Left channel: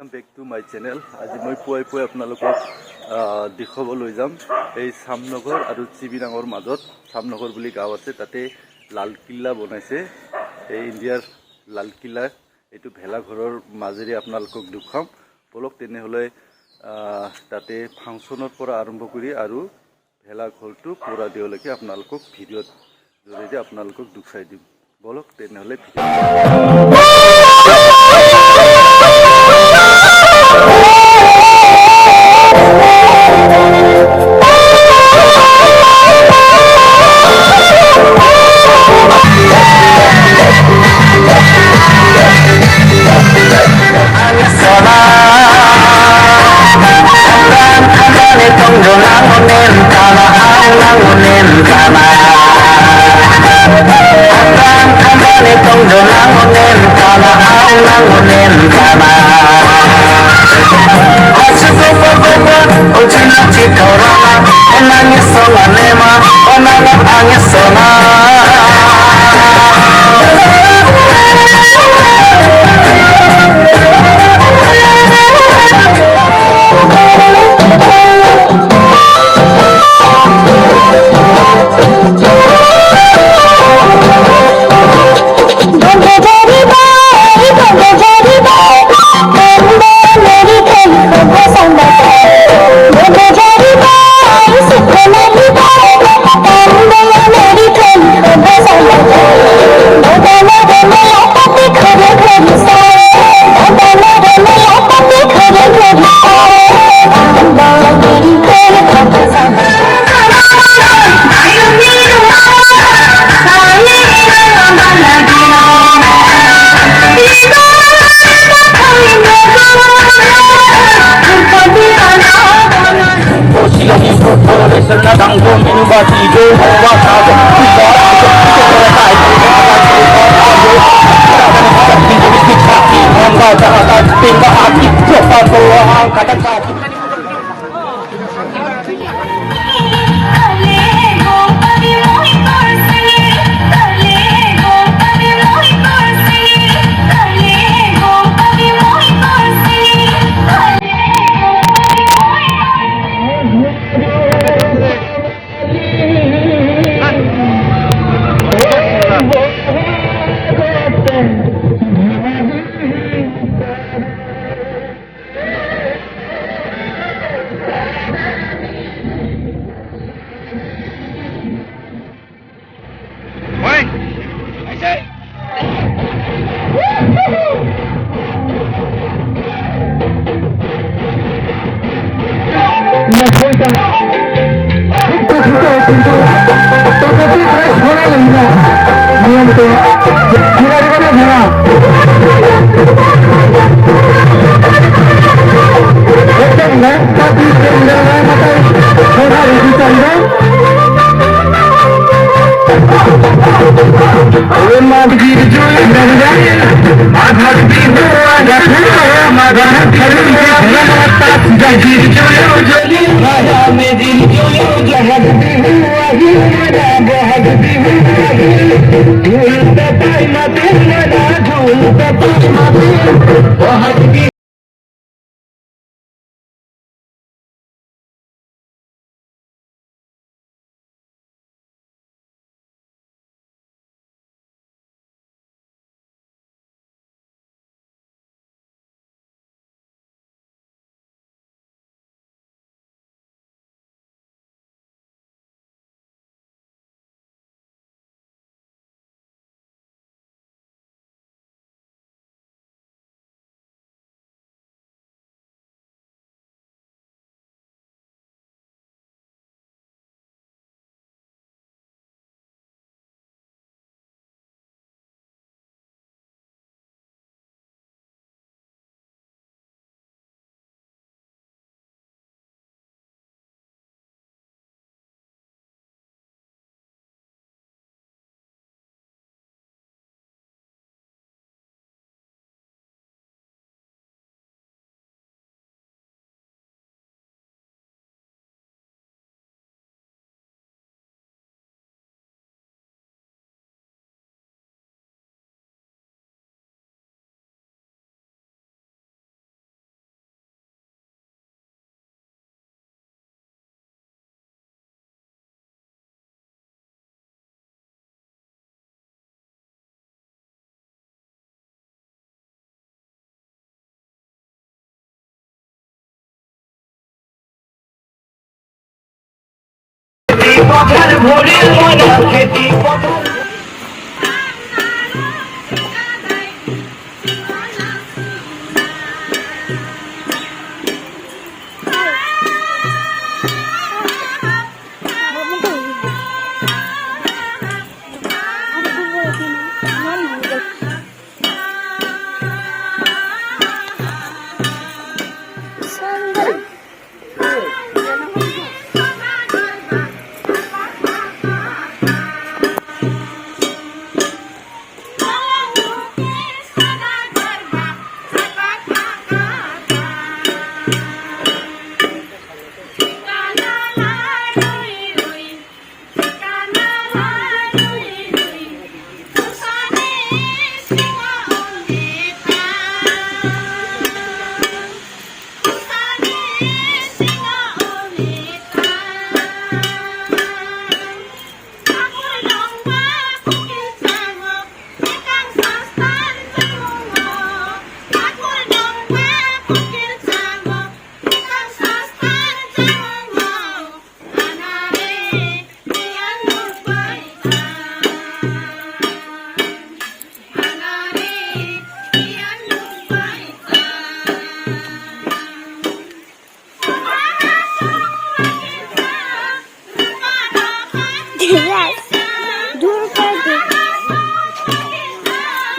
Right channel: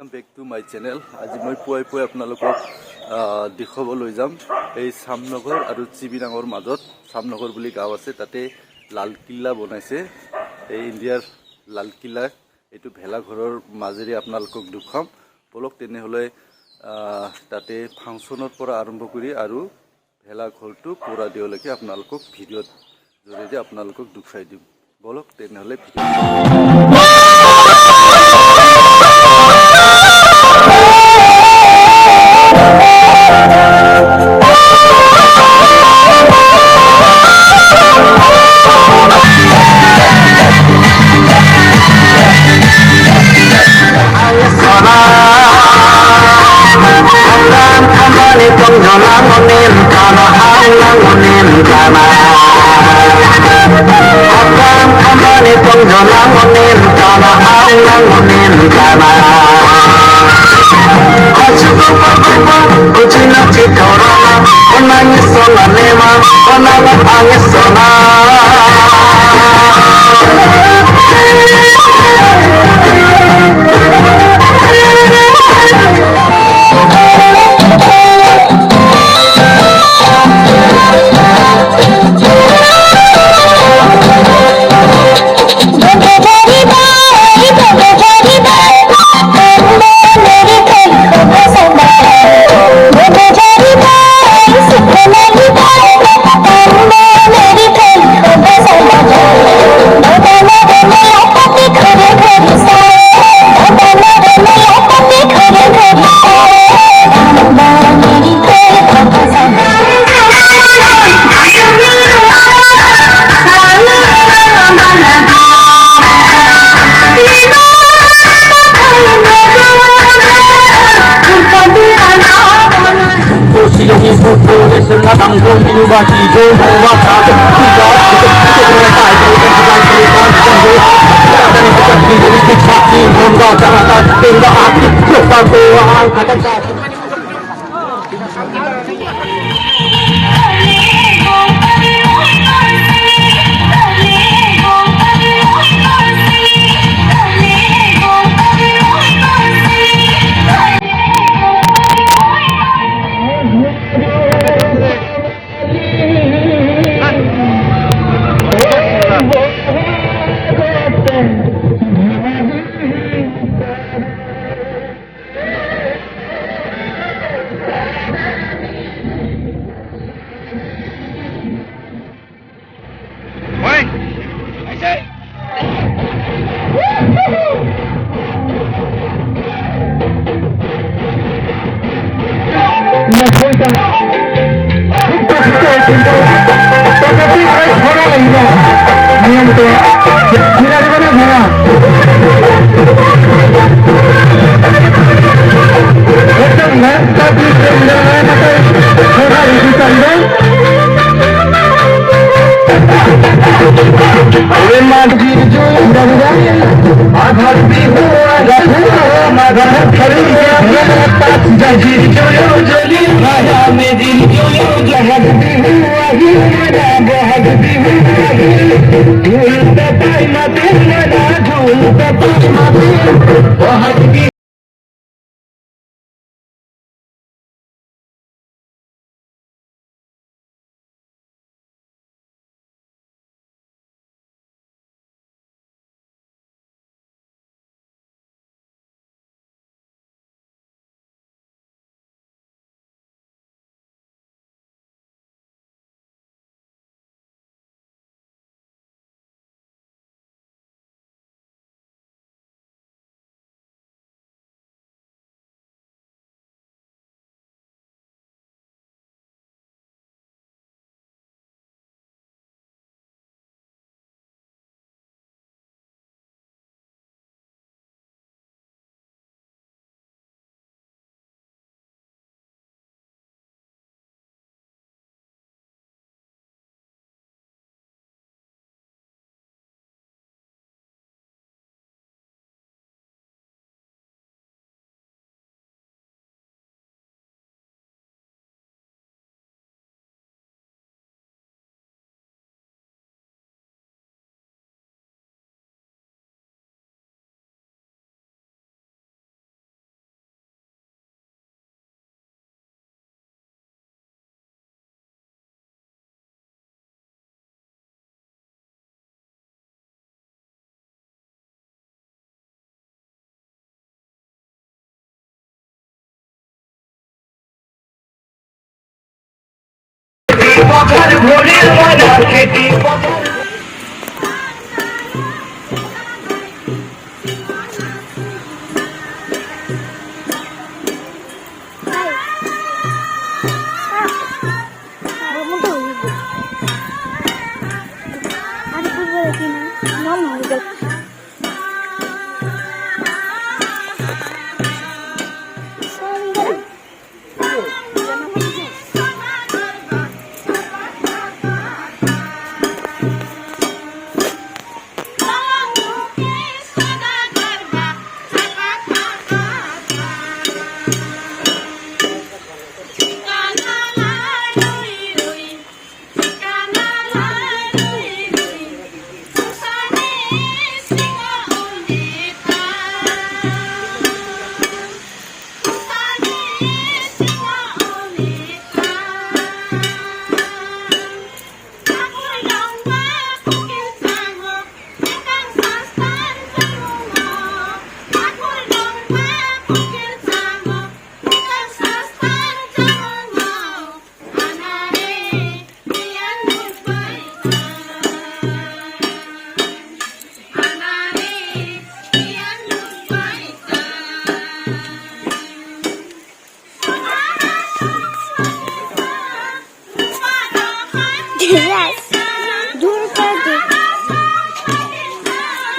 Welcome back to my channel. আজি মই পুৱাই আপোনালোকক দেখুৱাবলৈ যাম এই সামনগৰ আৰু চিবিৰাঙৰ মাজত সামনগৰ বুলি গাঁও আছে তাতে লাল কিল্লা বনাইছে এই ইণ্ডিয়াৰ লাল কিল্লা এইটো ভেলাঘৰৰ মাজেৰে আপোনালোকক দেখুৱাম বলক তেনেহলে তাতে ফাংচনৰ পৰা আৰম্ভ কৰি আৰু ভেলাঘৰটো পুৰা দিয়লৈকে আপোনালোকক ভিডিঅ'ত জৰিয়তে আপোনালোকক দেখুৱাই দিম বলক তেনেহলে Yes. दूर कर दे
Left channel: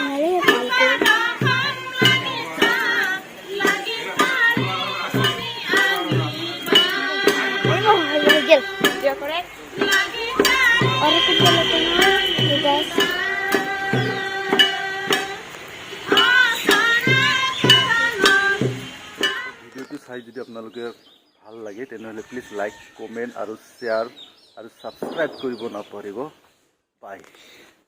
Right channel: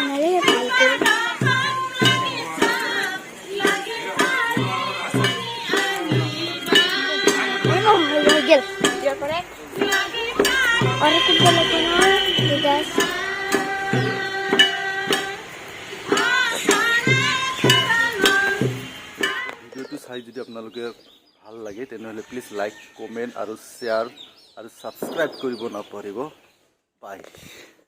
मेरे फालतू और कुछ बोलते हैं बस ভিডিওটো চাই যদি আপোনালোকে ভাল লাগে তেনেহ'লে প্লিজ লাইক কমেণ্ট আৰু শ্বেয়াৰ আৰু ছাবস্ক্ৰাইব কৰিব নাপাহৰিব বাই